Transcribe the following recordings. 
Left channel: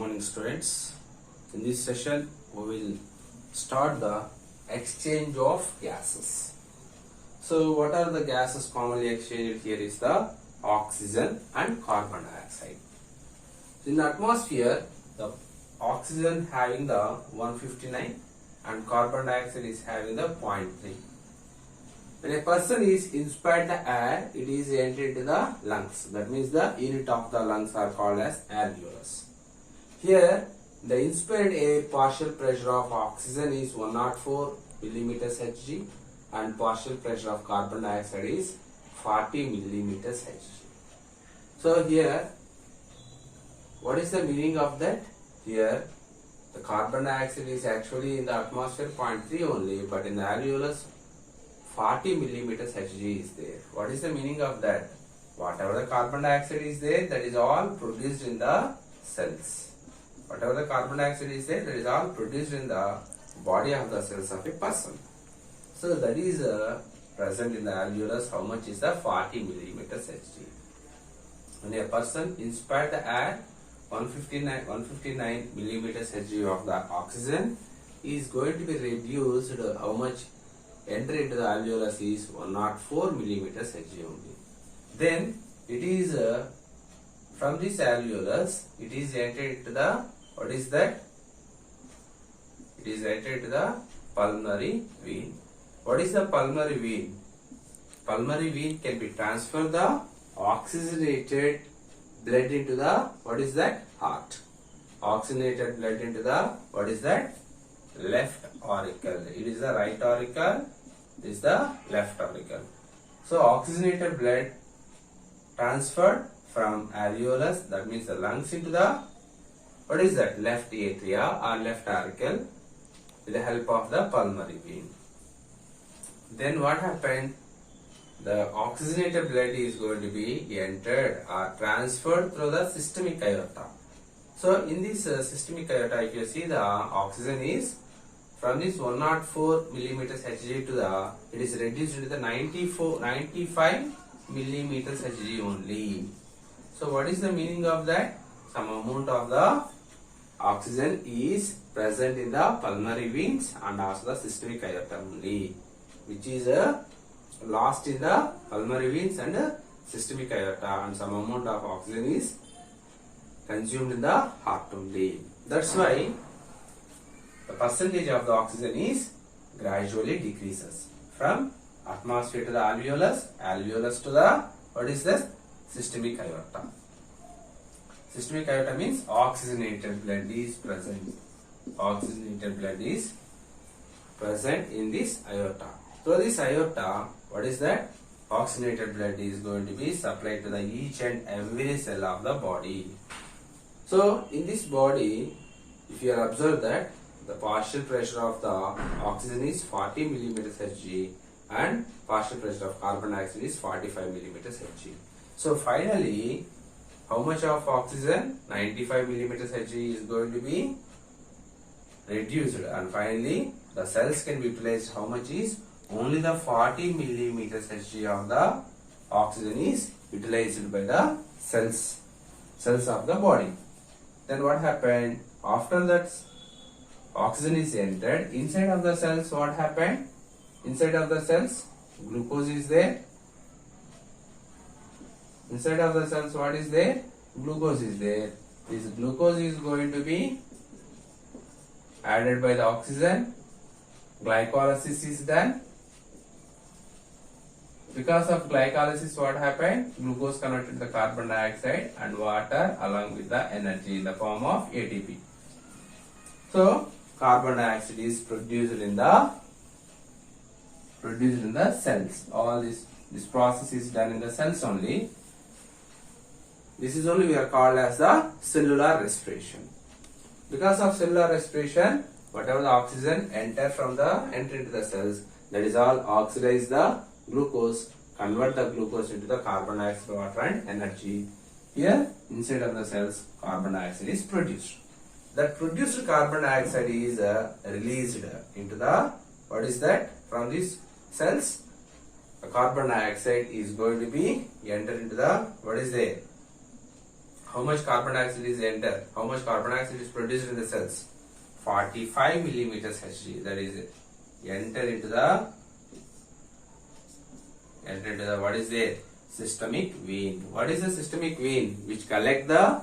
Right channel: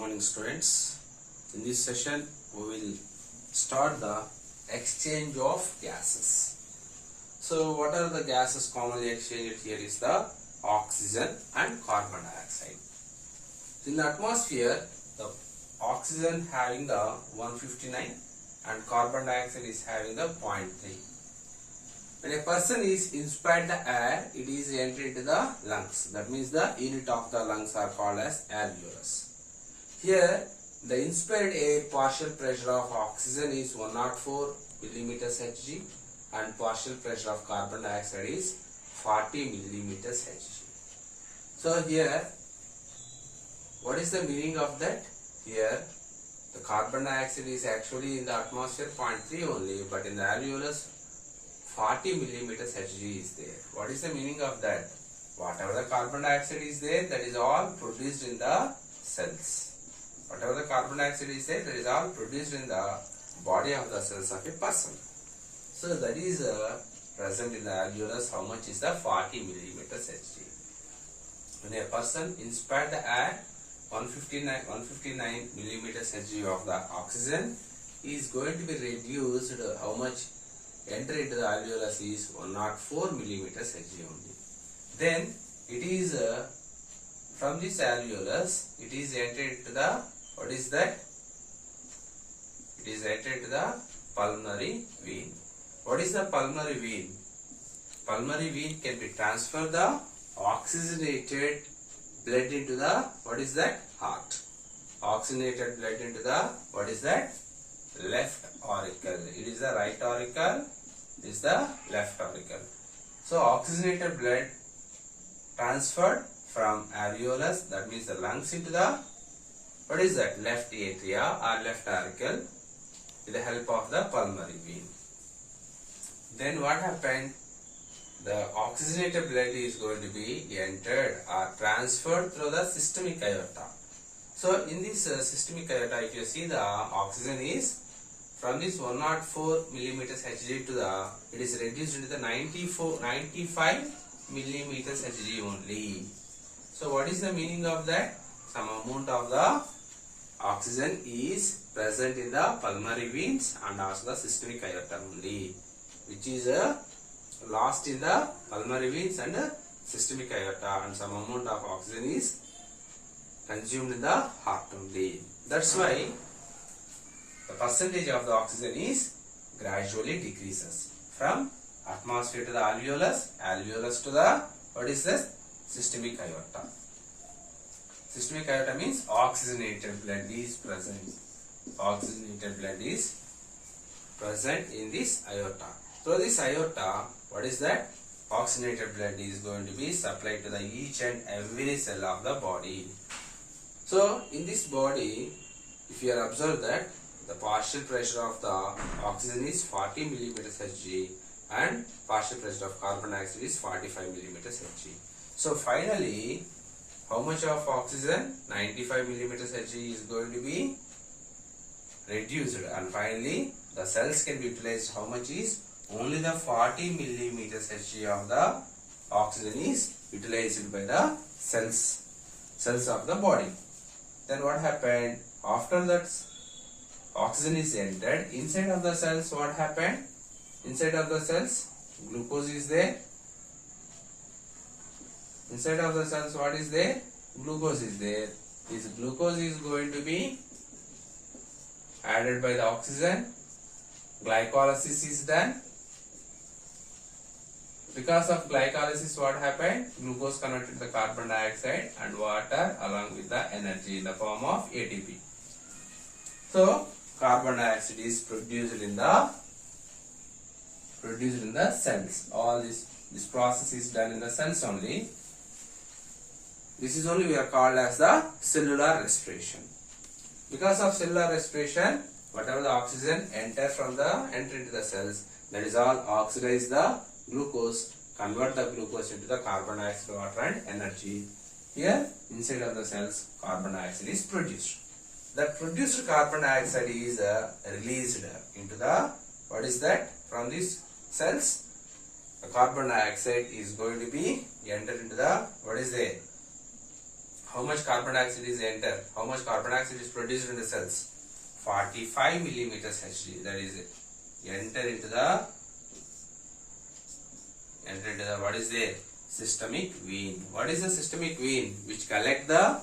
Morning students. In this session we will start the exchange of gases. So what are the gases commonly exchanged here is the oxygen and carbon dioxide. In the atmosphere, the oxygen having the 159 and carbon dioxide is having the 0.3. When a person is inspired the air, it is entered into the lungs. That means the unit of the lungs are called as alveolus. Here, the inspired air partial pressure of oxygen is 104 millimeters Hg and partial pressure of carbon dioxide is 40 millimeters Hg. So here, what is the meaning of that? Here, the carbon dioxide is actually in the atmosphere 0.3 only, but in the alveolus 40 millimeters Hg is there. What is the meaning of that? Whatever the carbon dioxide is there, that is all produced in the cells. Whatever the carbon dioxide is there, that is all produced in the body of the cells of a person. So that is present in the alveolus. How much is the 40 millimeters Hg? When a person inspired the air, 159 millimeters Hg of the oxygen is going to be reduced. How much enter into the alveolus is 104 millimeters Hg only. Then it is from this alveolus, it is entered into the, what is that? It is entered into the pulmonary vein. What is the pulmonary vein? Pulmonary vein can be transferred the oxygenated blood into the, what is that? Heart. Oxygenated blood into the, what is that? Left auricle. It is the right auricle, is the left auricle. So oxygenated blood transferred from alveolus, that means the lungs, into the, what is that? Left atria or left auricle with the help of the pulmonary vein. Then what happened? The oxygenated blood is going to be entered or transferred through the systemic aorta. So in this systemic aorta, if you see, the oxygen is from this 104 millimeters Hg to the, it is reduced into the 95 millimeters Hg only. So what is the meaning of that? Some amount of the oxygen is present in the pulmonary veins and also the systemic aorta only, which is lost in the pulmonary veins and systemic aorta, and some amount of oxygen is consumed in the heart only. That's why the percentage of the oxygen is gradually decreases from atmosphere to the alveolus, alveolus to the, what is this? Systemic aorta. Systemic aorta means oxygenated blood is present. Oxygenated blood is present in this aorta. So this aorta, what is that? Oxygenated blood is going to be supplied to the each and every cell of the body. So in this body, if you observe that the partial pressure of the oxygen is 40 millimeters Hg and partial pressure of carbon dioxide is 45 millimeters Hg. So finally, how much of oxygen? 95 millimeters Hg is going to be reduced, and finally the cells can be utilized. How much is? Only the 40 millimeters Hg of the oxygen is utilized by the cells of the body. Then what happened? After that oxygen is entered inside of the cells, what happened? Inside of the cells, glucose is there. Inside of the cells, what is there? Glucose is there. This glucose is going to be added by the oxygen. Glycolysis is done. Because of glycolysis, what happened? Glucose converted to the carbon dioxide and water along with the energy in the form of ATP. So carbon dioxide is produced in the cells. All this process is done in the cells only. This is only we are called as the cellular respiration. Because of cellular respiration, whatever the oxygen enter into the cells, that is all oxidize the glucose, convert the glucose into the carbon dioxide, water and energy. Here inside of the cells, carbon dioxide is produced. That produced carbon dioxide is released into the, what is that? From these cells, the carbon dioxide is going to be entered into the, what is there? how much carbon dioxide is entered, how much carbon dioxide is produced in the cells? 45 millimeters Hg. That is it. Enter into the what is there? Systemic vein. What is the systemic vein? Which collect the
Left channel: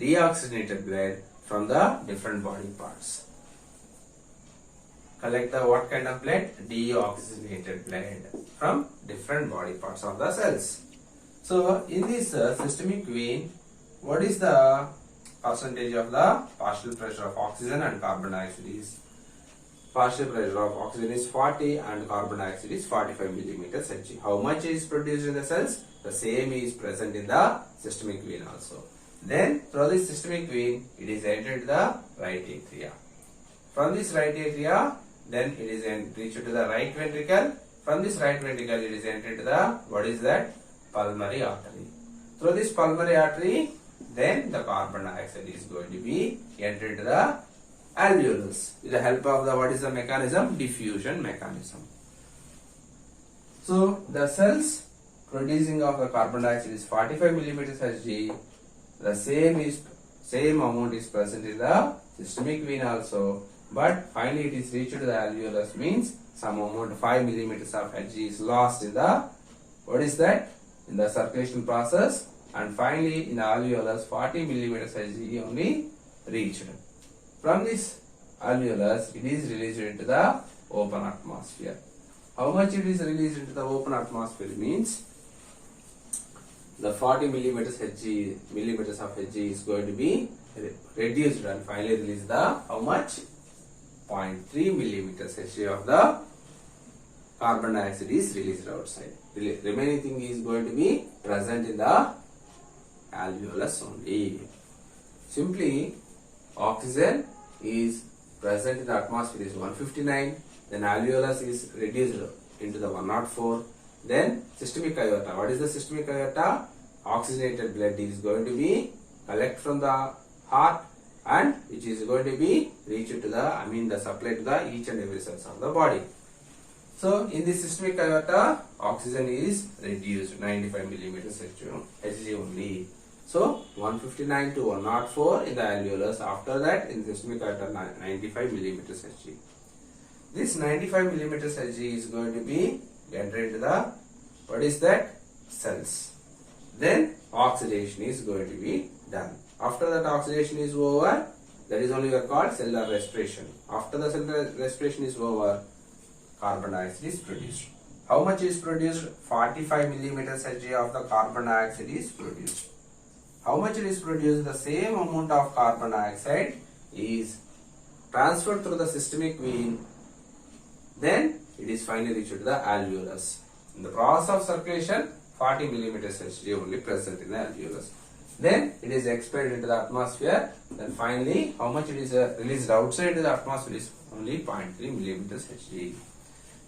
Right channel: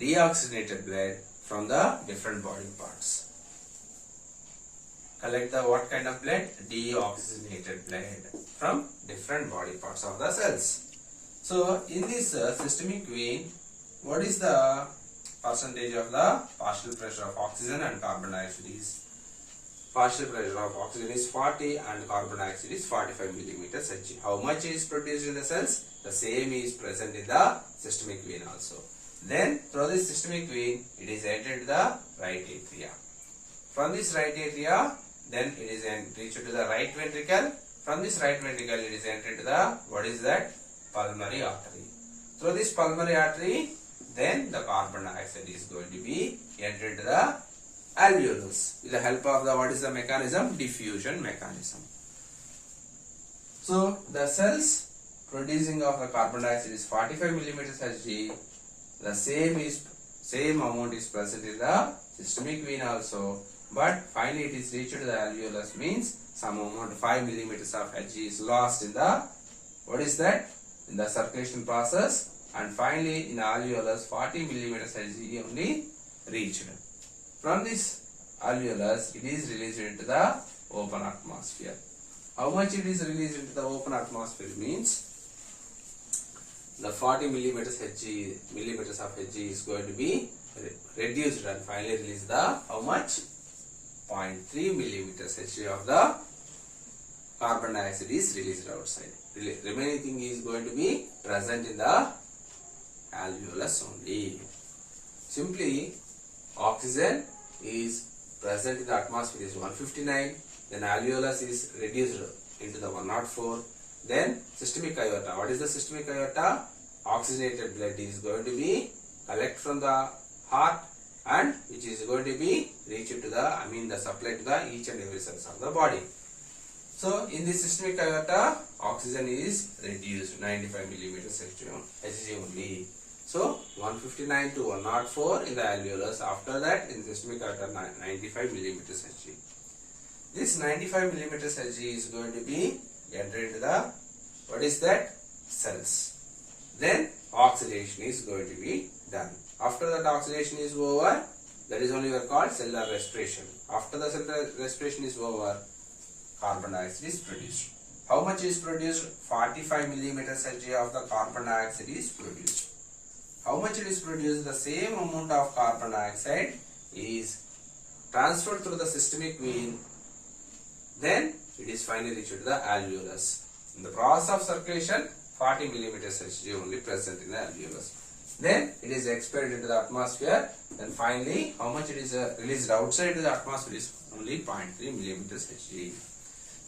deoxygenated blood from the different body parts. Collect the what kind of blood? Deoxygenated blood from different body parts of the cells. So in this systemic vein, what is the percentage of the partial pressure of oxygen and carbon dioxide is? Partial pressure of oxygen is 40 and carbon dioxide is 45 millimeters Hg. How much is produced in the cells? The same is present in the systemic vein also. Then through this systemic vein, it is entered the right atria. From this right atria, then it is reached to the right ventricle. From this right ventricle, it is entered to the, what is that? Pulmonary artery. Through this pulmonary artery, then the carbon dioxide is going to be entered to the alveolus with the help of the, what is the mechanism? Diffusion mechanism. So the cells producing of the carbon dioxide is 45 millimeters Hg. The same amount is present in the systemic vein also, but finally it is reached to the alveolus, means some amount 5 millimeters of Hg is lost in the, what is that? In the circulation process, and finally in the alveolus 40 millimeters Hg only reached. From this alveolus, it is released into the open atmosphere. How much it is released into the open atmosphere means the 40 millimeters of Hg is going to be reduced and finally release the how much? 0.3 millimeters Hg of the carbon dioxide is released outside. Remaining thing is going to be present in the alveolus only. Simply, oxygen is present in the atmosphere is 159, then alveolus is reduced into the 104, then systemic aorta. What is the systemic aorta? Oxygenated blood is going to be collect from the heart and which is going to be reached to the, the supply to the each and every cells of the body. So in this systemic aorta, oxygen is reduced 95 millimeters Hg only. So 159 to 104 in the alveolus. After that, in systemic aorta 95 millimeters Hg. This 95 millimeters Hg is going to be entered into the, what is that? Cells. Then oxidation is going to be done. After that oxidation is over, that is only called cellular respiration. After the cellular respiration is over, carbon dioxide is produced. How much is produced? 45 millimeters Hg of the carbon dioxide is produced. How much it is produced? The same amount of carbon dioxide is transferred through the systemic vein. Then it is finally reached to the alveolus. In the process of circulation, 40 millimeters Hg only present in the alveolus. Then it is expelled into the atmosphere. Then finally, how much it is released outside the atmosphere is only 0.3 millimeters Hg.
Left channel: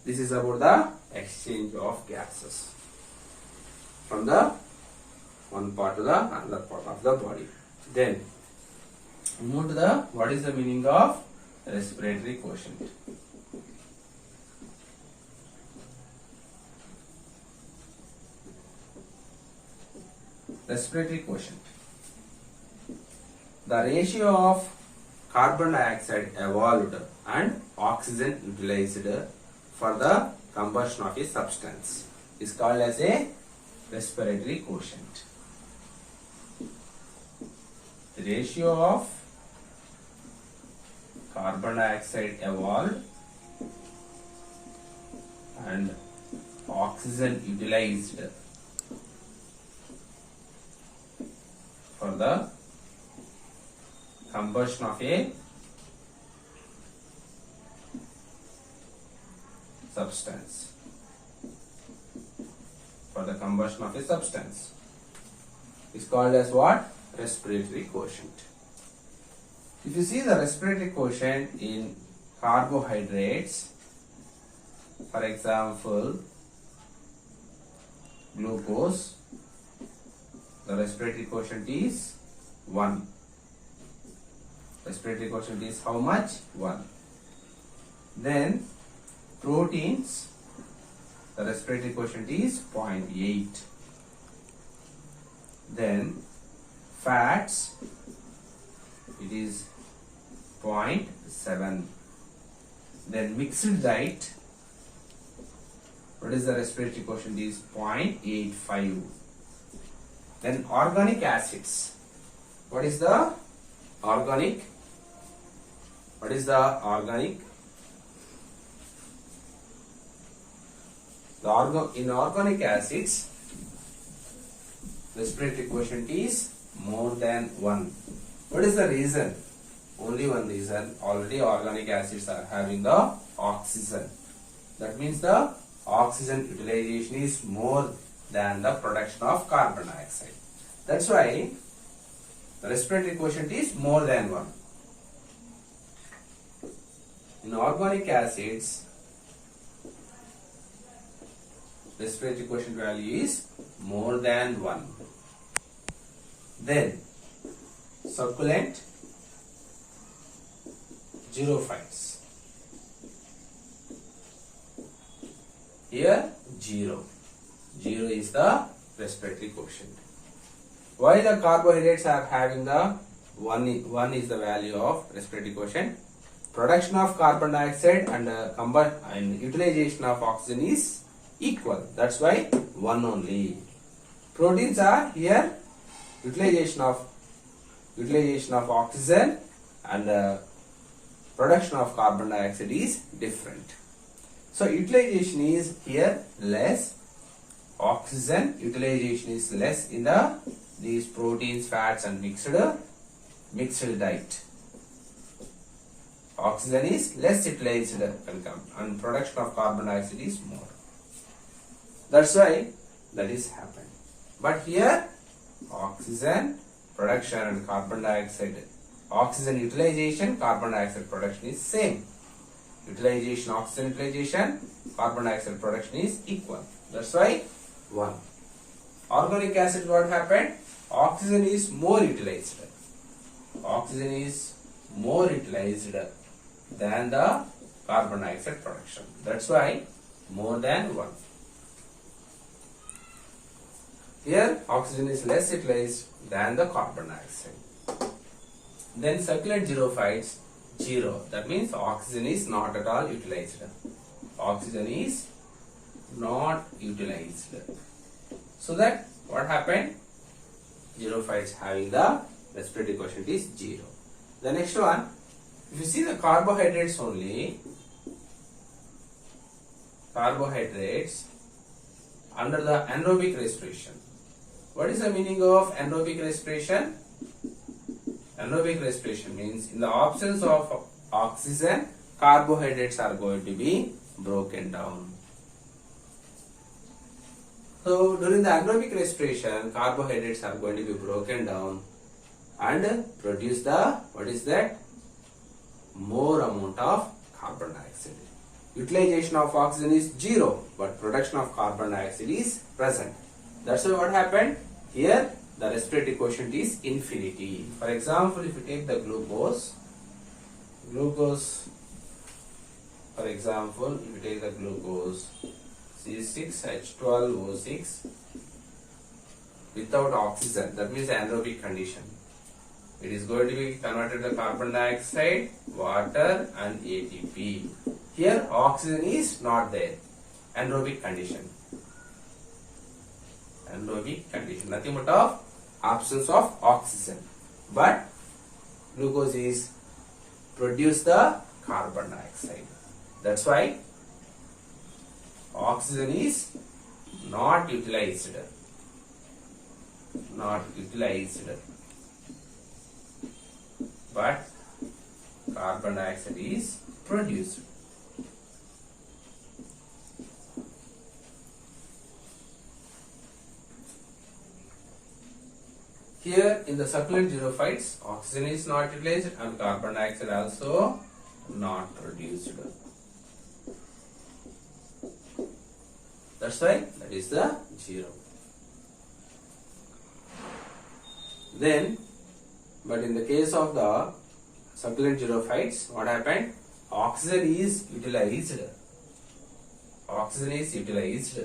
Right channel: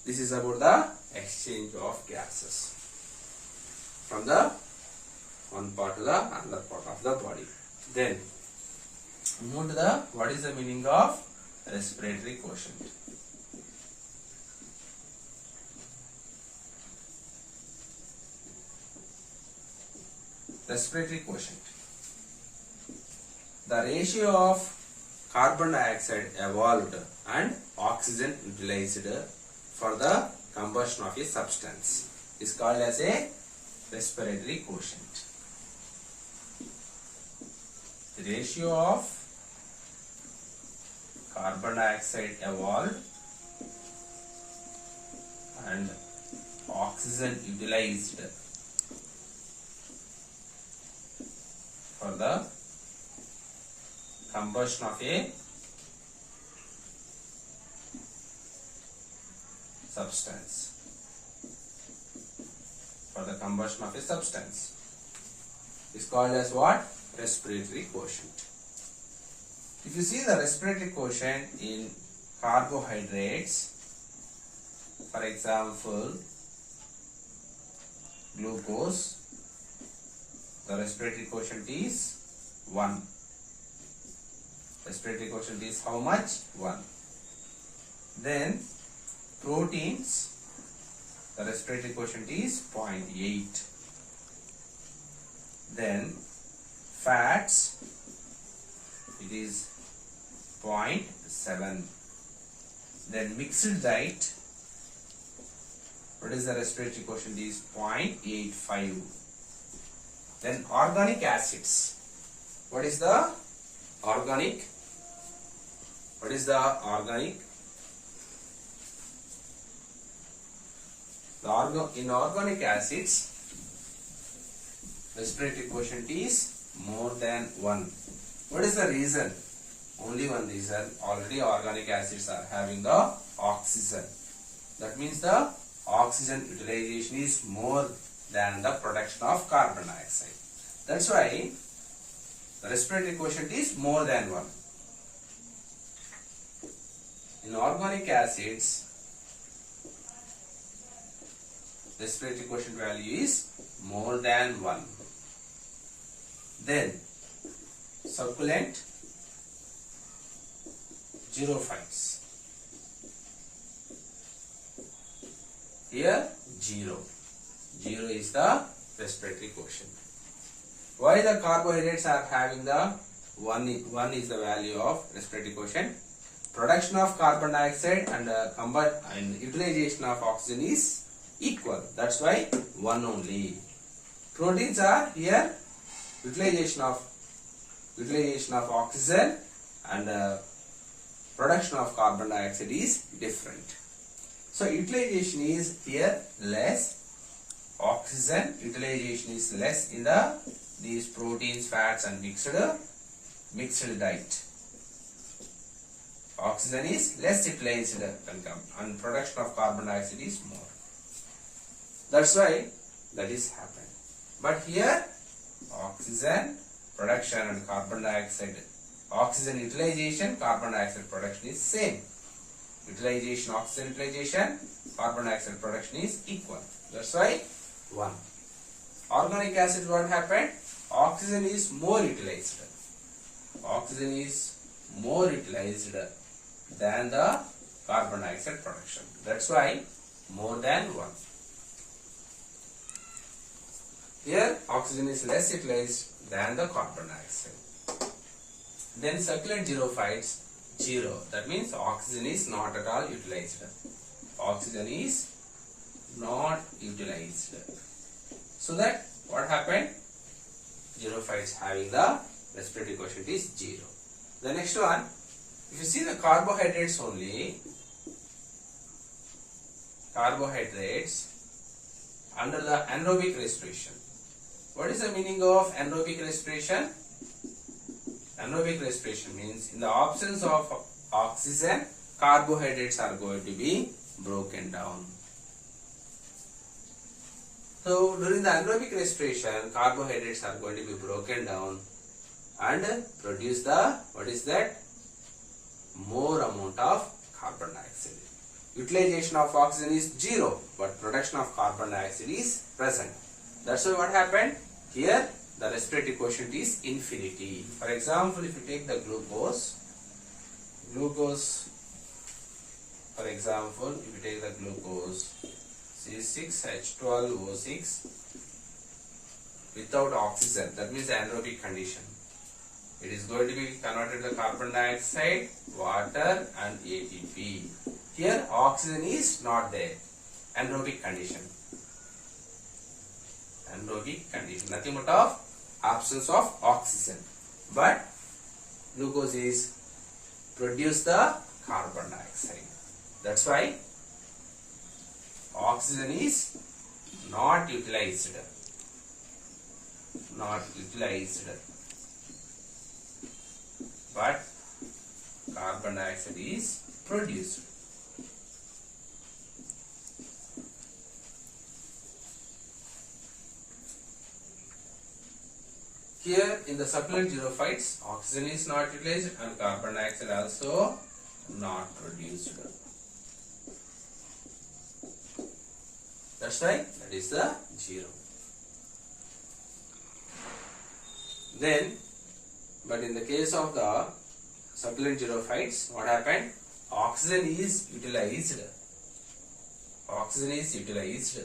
This is about the exchange of gases from the one part to the another part of the body. Then move to the, what is the meaning of respiratory quotient? Respiratory quotient. The ratio of carbon dioxide evolved and oxygen utilized for the combustion of a substance is called as a respiratory quotient. The ratio of carbon dioxide evolved and oxygen utilized for the combustion of a substance. For the combustion of a substance is called as what? Respiratory quotient. If you see the respiratory quotient in carbohydrates, for example, glucose, the respiratory quotient is 1. Respiratory quotient is how much? 1. Then proteins, the respiratory quotient is 0.8. Then Fats, it is 0.7. Then mixed diet, what is the respiratory quotient, is 0.85. Then organic acids, what is the organic? What is the organic? In organic acids, respiratory quotient is more than 1. What is the reason? Only one reason. Already organic acids are having the oxygen. That means the oxygen utilization is more than the production of carbon dioxide. That's why the respiratory quotient is more than 1. In organic acids, respiratory quotient value is more than 1. Then succulent xerophytes. Here 0. 0 is the respiratory quotient. Why the carbohydrates are having the 1 is the value of respiratory quotient? Production of carbon dioxide and utilization of oxygen is equal. That's why 1 only. Proteins are here utilization of oxygen and production of carbon dioxide is different. So utilization is here less. Oxygen utilization is less in these proteins, fats and mixed diet. Oxygen is less utilized and production of carbon dioxide is more. That's why that is happened. But here oxygen production and carbon dioxide, oxygen utilization, carbon dioxide production is same. Utilization, oxygen utilization, carbon dioxide production is equal. That's why 1. Organic acid, what happened? Oxygen is more utilized. Oxygen is more utilized than the carbon dioxide production. That's why more than 1. Here oxygen is less utilized than the carbon dioxide. Then succulent xerophytes, 0. That means oxygen is not at all utilized. Oxygen is not utilized. So that what happened? Xerophytes having the respiratory quotient is 0. The next one, if you see the carbohydrates only, carbohydrates under the anaerobic respiration. What is the meaning of anaerobic respiration? Anaerobic respiration means in the absence of oxygen, carbohydrates are going to be broken down. So during the anaerobic respiration, carbohydrates are going to be broken down and produce the, what is that? More amount of carbon dioxide. Utilization of oxygen is 0, but production of carbon dioxide is present. That's why what happened? Here the respiratory quotient is infinity. For example, if you take the glucose, for example, if you take the glucose C6H12O6 without oxygen, that means the anaerobic condition. It is going to be converted to carbon dioxide, water and ATP. Here oxygen is not there. Anaerobic condition. Anaerobic condition. Nothing but of absence of oxygen. But glucose is produce the carbon dioxide. That's why oxygen is not utilized. Not utilized. But carbon dioxide is produced. Here in the succulent xerophytes, oxygen is not utilized and carbon dioxide also not produced. That's why that is the 0. Then, but in the case of the succulent xerophytes, what happened? Oxygen is utilized. Oxygen is utilized.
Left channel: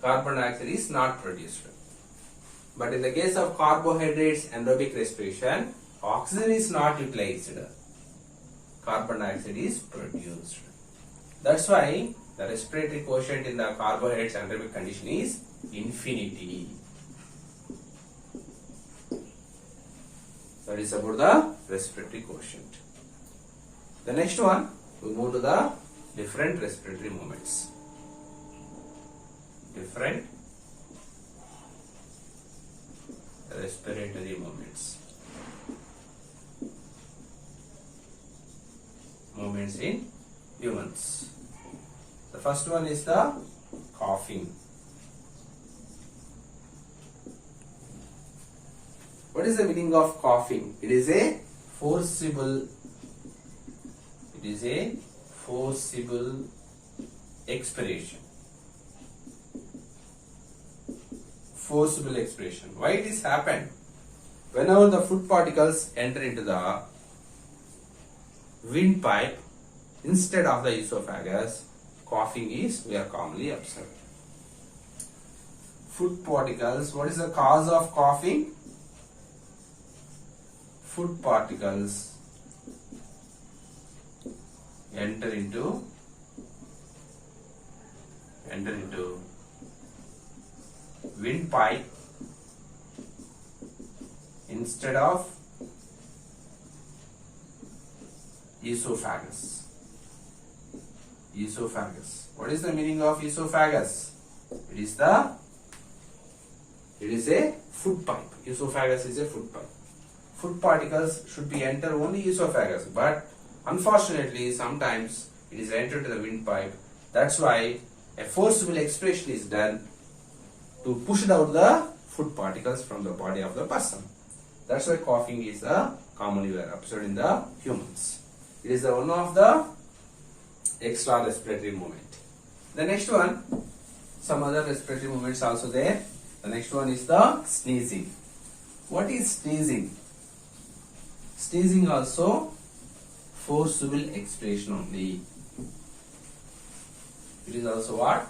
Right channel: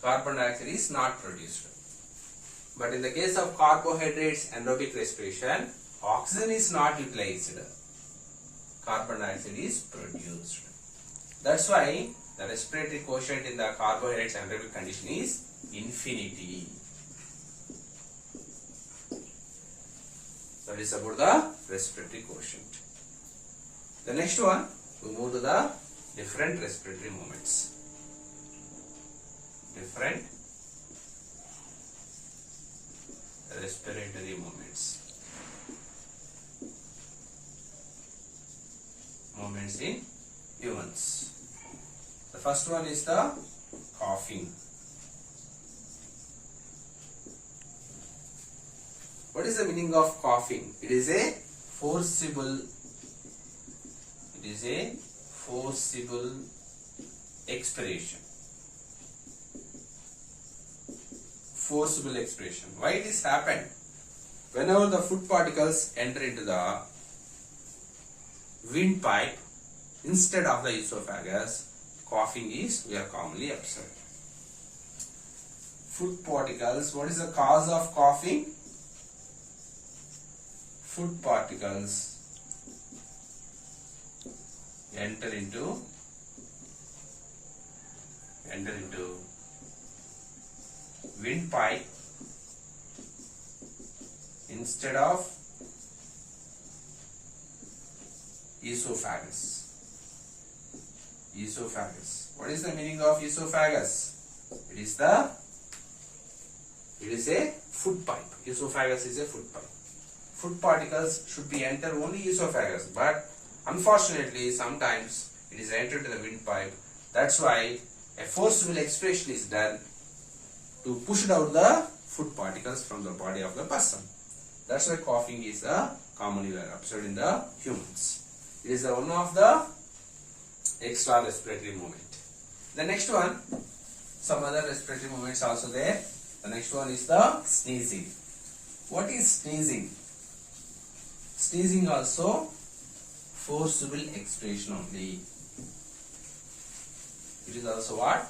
Carbon dioxide is not produced. But in the case of carbohydrates, anaerobic respiration, oxygen is not utilized. Carbon dioxide is produced. That's why the respiratory quotient in the carbohydrates anaerobic condition is infinity. That is about the respiratory quotient. The next one, we move to the different respiratory movements. Different respiratory movements. Movements in humans. The first one is the coughing. What is the meaning of coughing? It is a forcible expiration. Forcible expiration. Why this happened? Whenever the food particles enter into the windpipe instead of the esophagus, coughing is we are commonly observed. Food particles. What is the cause of coughing? Food particles enter into windpipe instead of esophagus. Esophagus. What is the meaning of esophagus? It is a food pipe. Esophagus is a food pipe. Food particles should be enter only esophagus, but unfortunately sometimes it is entered to the windpipe. That's why a forcible expiration is done to push out the food particles from the body of the person. That's why coughing is commonly observed in the humans. It is one of the extra respiratory movement. The next one, some other respiratory movements also there. The next one is the sneezing. What is sneezing? Sneezing also forcible expiration only. It is also what?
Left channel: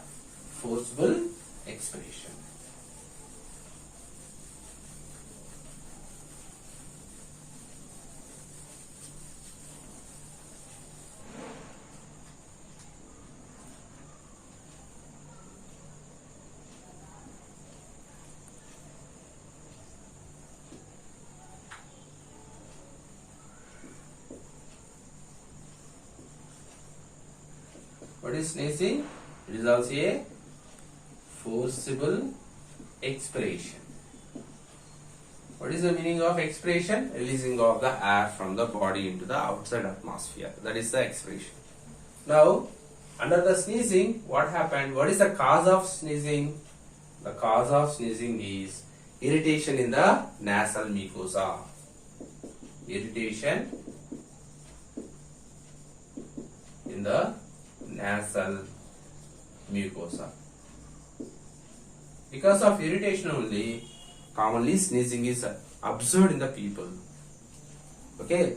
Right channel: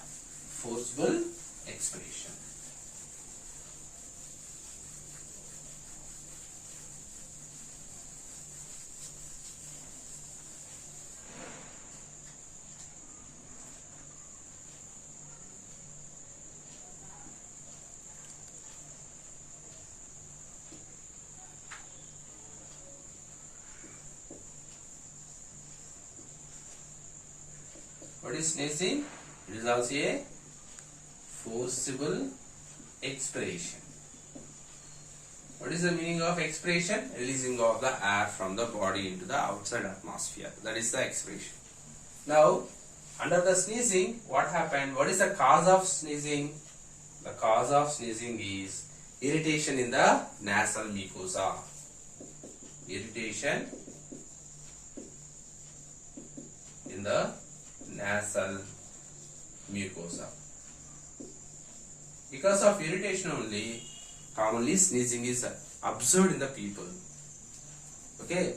Forcible expiration. What is sneezing? It is also a forcible expiration. What is the meaning of expiration? Releasing of the air from the body into the outside atmosphere. That is the expiration. Now, under the sneezing, what happened? What is the cause of sneezing? The cause of sneezing is irritation in the nasal mucosa. Irritation in the nasal mucosa. Because of irritation only, commonly sneezing is observed in the people. Okay,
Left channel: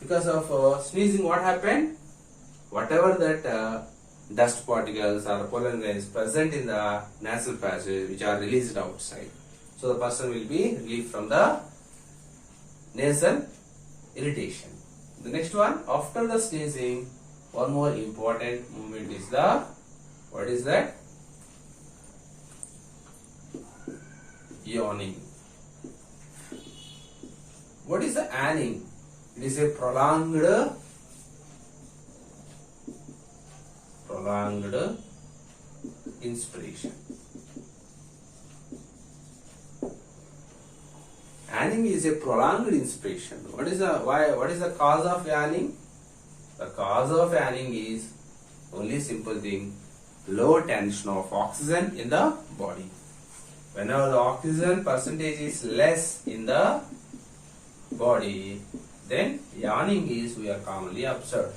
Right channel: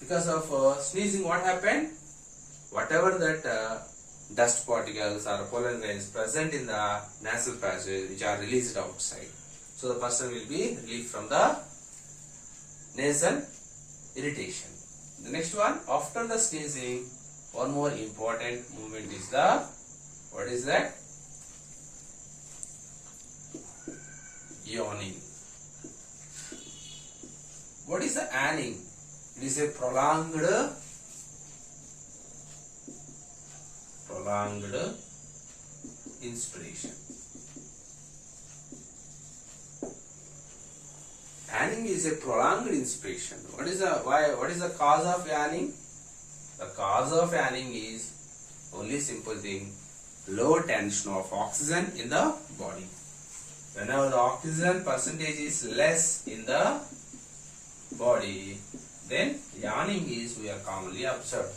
because of sneezing, what happened? Whatever that dust particles or pollen grains present in the nasal passage, which are released outside, so the person will be relieved from the nasal irritation. The next one, after the sneezing, one more important movement is the, what is that? Yawning. What is the yawning? It is a prolonged inspiration. Yawning is a prolonged inspiration. What is the cause of yawning? The cause of yawning is only simple thing, low tension of oxygen in the body. Whenever the oxygen percentage is less in the body, then yawning is we are commonly observed.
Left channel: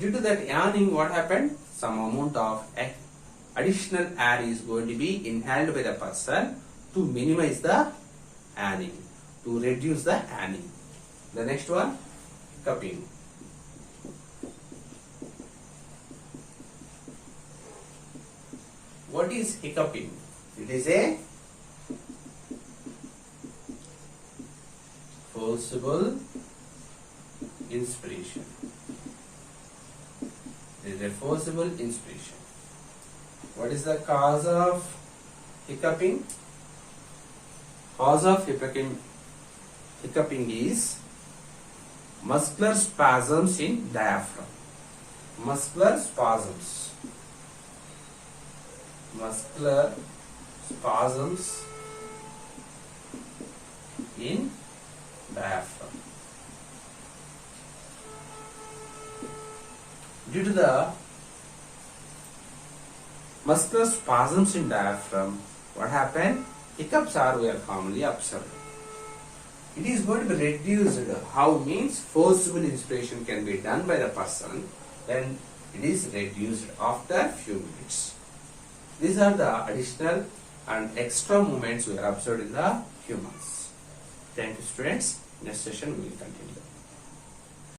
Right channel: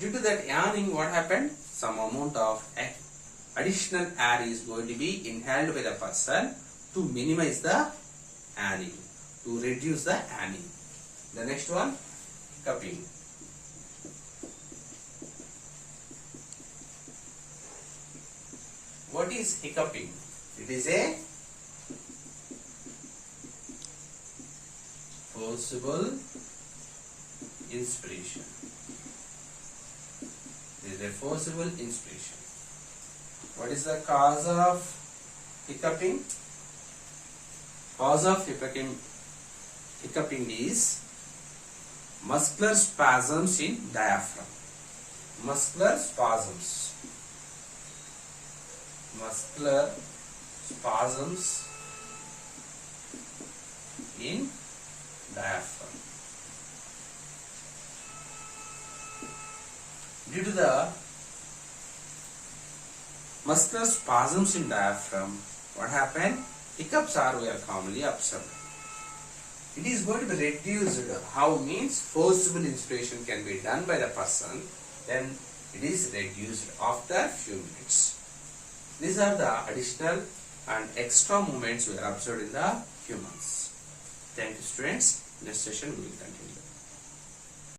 Due to that yawning, what happened? Some amount of additional air is going to be inhaled by the person to minimize the yawning, to reduce the yawning. The next one, cupping. What is hiccuping? It is a forcible inspiration. There is a forcible inspiration. What is the cause of hiccuping? Cause of hiccuping is muscular spasms in diaphragm. Muscular spasms. Muscular spasms in diaphragm. Due to the muscular spasms in diaphragm, what happened? Hiccups are were commonly observed. It is going to be reduced. How means forcible inspiration can be done by the person, then it is reduced after few minutes. These are the additional and extra movements we are observed in the humans. Thank you, students. Next session we will continue.